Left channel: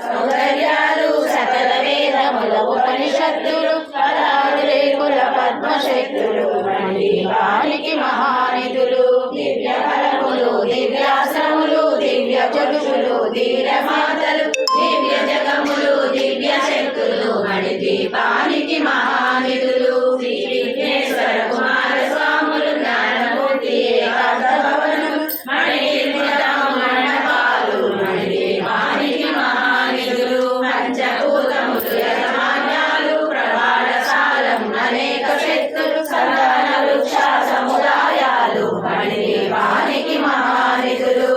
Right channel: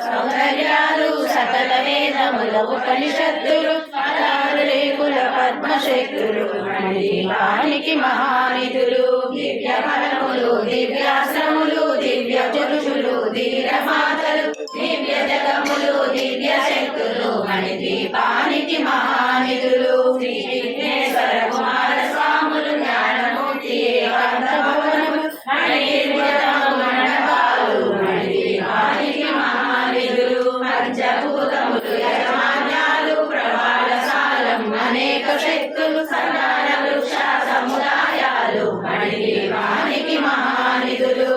సౌందర్యాలు సకల వేదముల ఉపనిషత్తులు పదాలు రేకుల పద్మశక్తులు మణిదీపానికి మహానిధులు దివ్య ఫలములు దివ్యాశ్రములు దివ్య పురుషులు ధీరమాతలు దివ్య జగములు దివ్య శక్తులు మణిదీపానికి మహానిధులు శ్రీ విఘ్నేశ్వర కుమార స్వాములు జ్ఞానమూర్తి ఏకాంత భవనములు మణిమృతము మండపాలు మణిదీపానికి మహానిధులు పంచభూతములు యజమాన్యాలు ప్రమాణశాలం అనేక శక్తులు సంతాన వృక్ష సముదాయాలు మణిదీపానికి మహానిధులు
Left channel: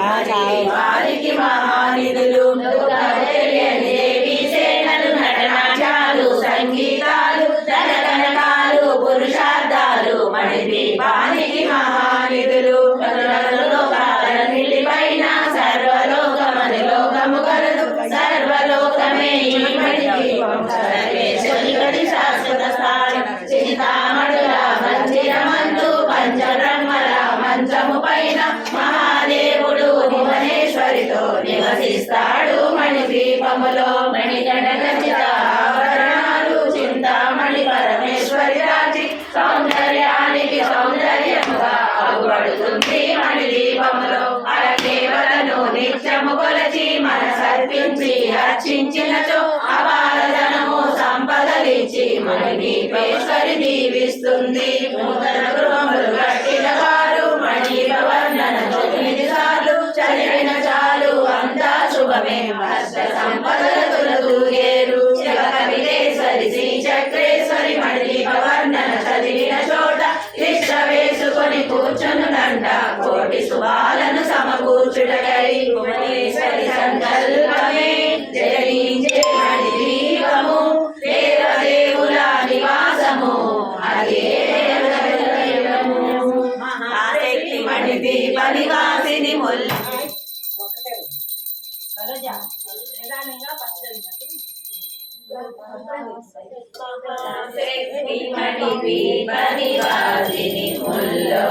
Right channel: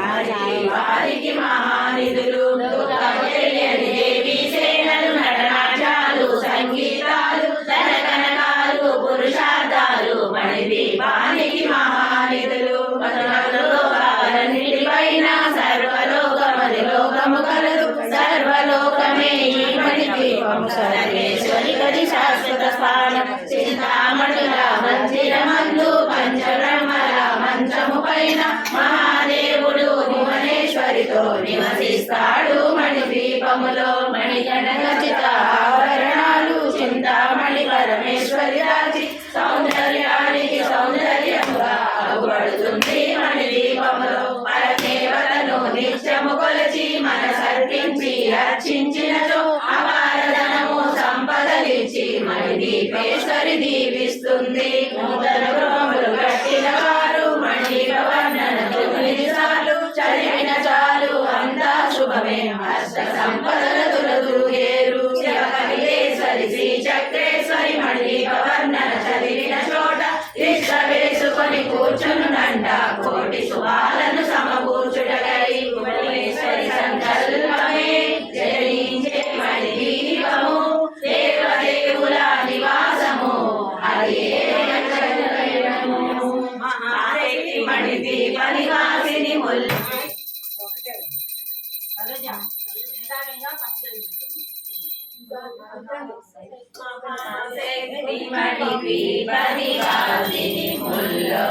మణిదీపానికి మహానిధులు దేవీ సేనలు నటనాట్యాలు సంగీతాలు ధనకనకాలు పురుషార్థాలు మణిదీపానికి మహానిధులు లోకాలన్నిటిపైన సర్వలోకమది లోకము కలదు సర్వలోకమే మణిదీపం సర్వేశ్వరి గది శాశ్వత స్థానం చింతామణుల మందిరమందు పంచబ్రహ్మల మంచము పైన మహాదేవుడు భువనేశ్వరితో నివసిస్తాడు మణిదీపములో మణిగండ ఖచ్చిత ఆభరణాలు చింతామణి పరమేశ్వరి రాజి సౌందర్యానికి సౌందర్యముగా అగుపడుతుంది మణిదీపములో పరదేవతను నిత్యము కొలచి మనసర్పించి అర్చించినచో అపారధనము సంపదలిచ్చి మణిదీపేశ్వరి దీవిస్తుంది నూతన గృహములు కట్టిన వారు మణివర్ణన 9 సార్లు చదివిన చాలు అంతా శుభమే అష్ట సంపదల తులతూగేరు శివకవిదేశ్వరి శ్రీ చక్రేశ్వరి మణిదీపవర్ణన చదివిన చోట ఇష్ట వేసుకొని కూర్చునునంట కోటి శుభాలను సమకూర్చుటకై భువనేశ్వరి సంకల్పమే జయించే మణిదీపము దేవదేవుల నివాసము అదే మహాశక్తి మణిదీప నివాసిని ముల్ల మహాశక్తి మణిదీప నివాసిని ముల్లో